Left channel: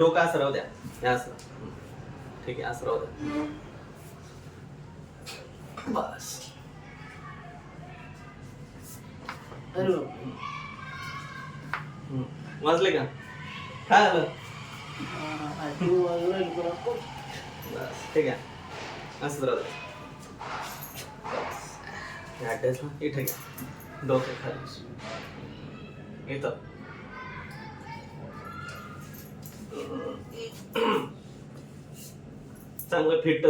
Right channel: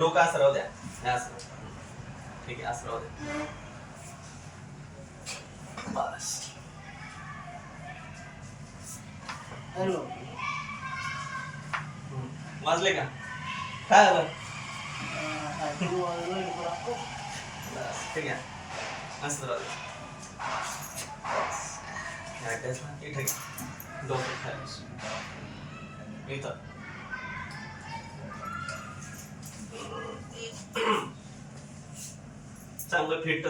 डोकं असं राहू द्या. हे असं. ठीक आहे, असं राहू द्या. बस. वाजले का? काय आलं? बस ठीक आहे. मस्त राहू द्या. बस. इथे घ्या. डोकं खाली. इथं. चांगलं फिट